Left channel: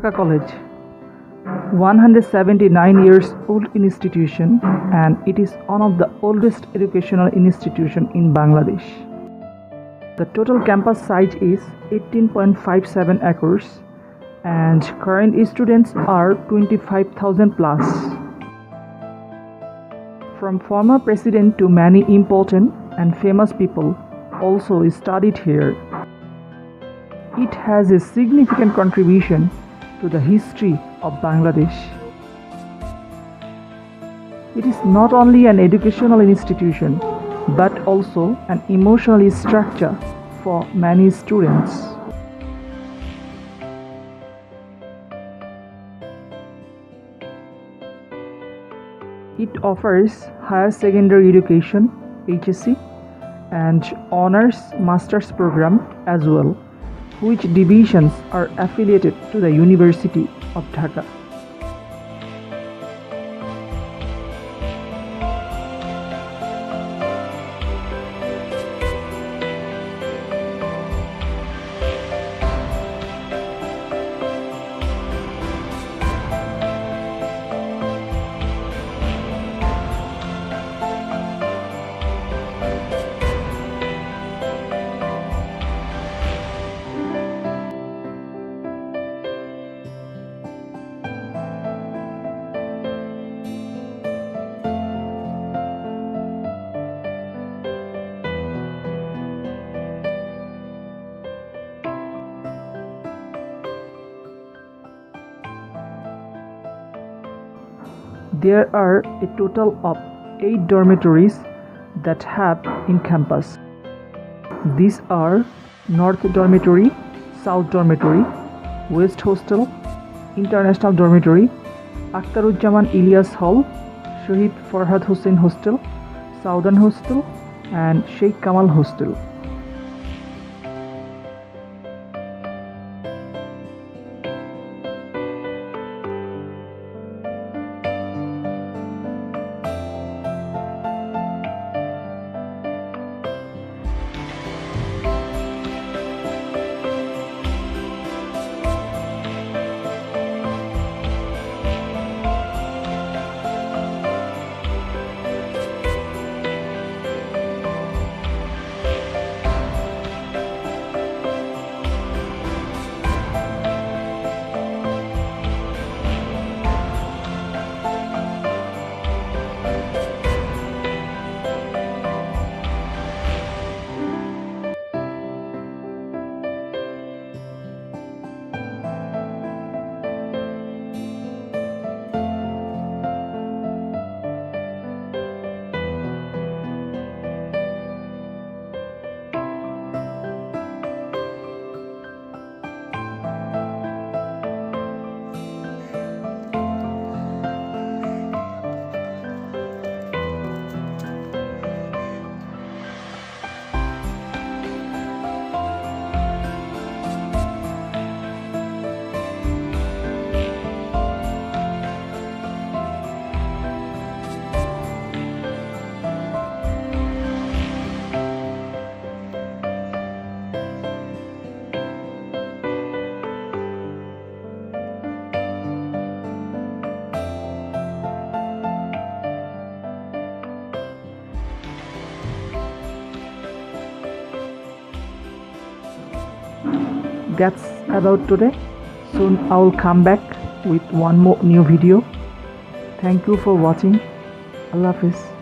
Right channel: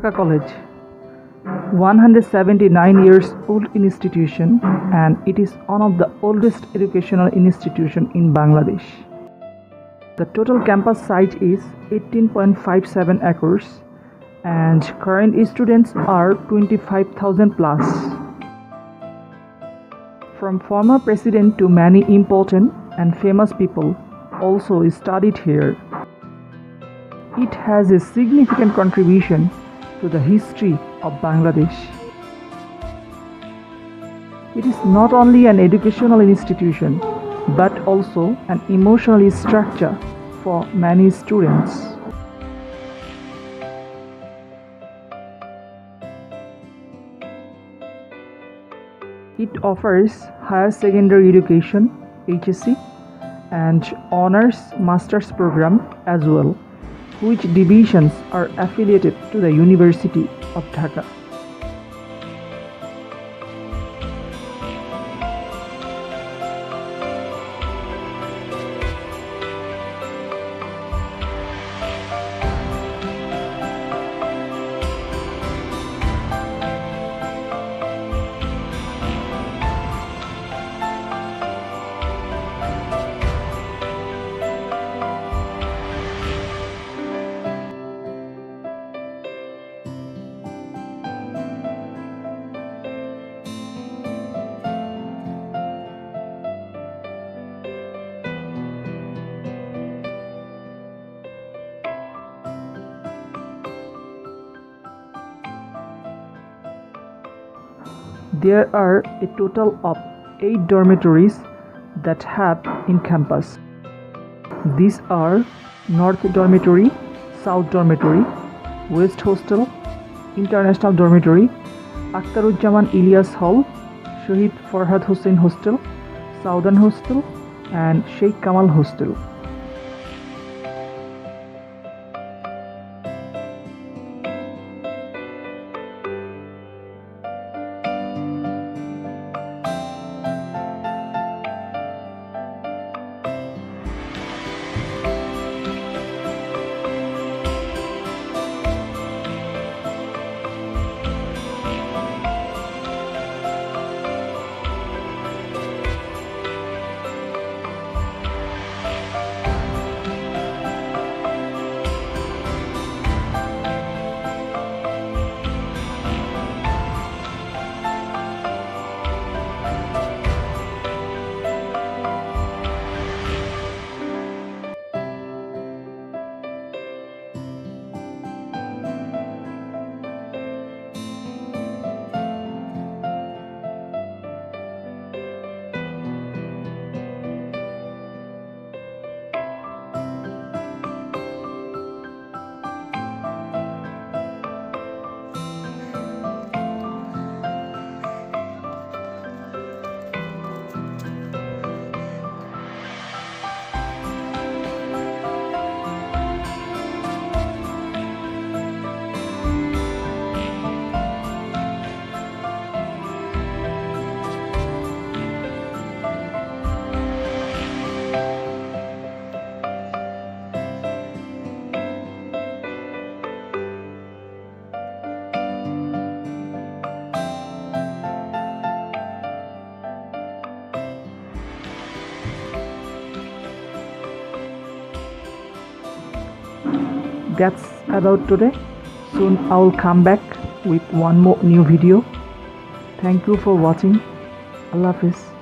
Dhaka College, 179 years old institution, and it is one of the oldest educational institution in Bangladesh. The total campus size is 18.57 acres and current students are 25,000 plus. From former president to many important and famous people also studied here. It has a significant contribution to the history of Bangladesh. It is not only an educational institution but also an emotional structure for many students. It offers higher secondary education (HSC) and honors master's program as well, which divisions are affiliated to the University of Dhaka. There are a total of 8 dormitories that have in campus. These are North Dormitory, South Dormitory, West Hostel, International Dormitory, Akhtaruzzaman Ilyas Hall, Shahid Farhad Hussain Hostel, Southern Hostel, and Sheikh Kamal Hostel. That's about today. Soon I will come back with one more new video. Thank you for watching. Allah Hafiz.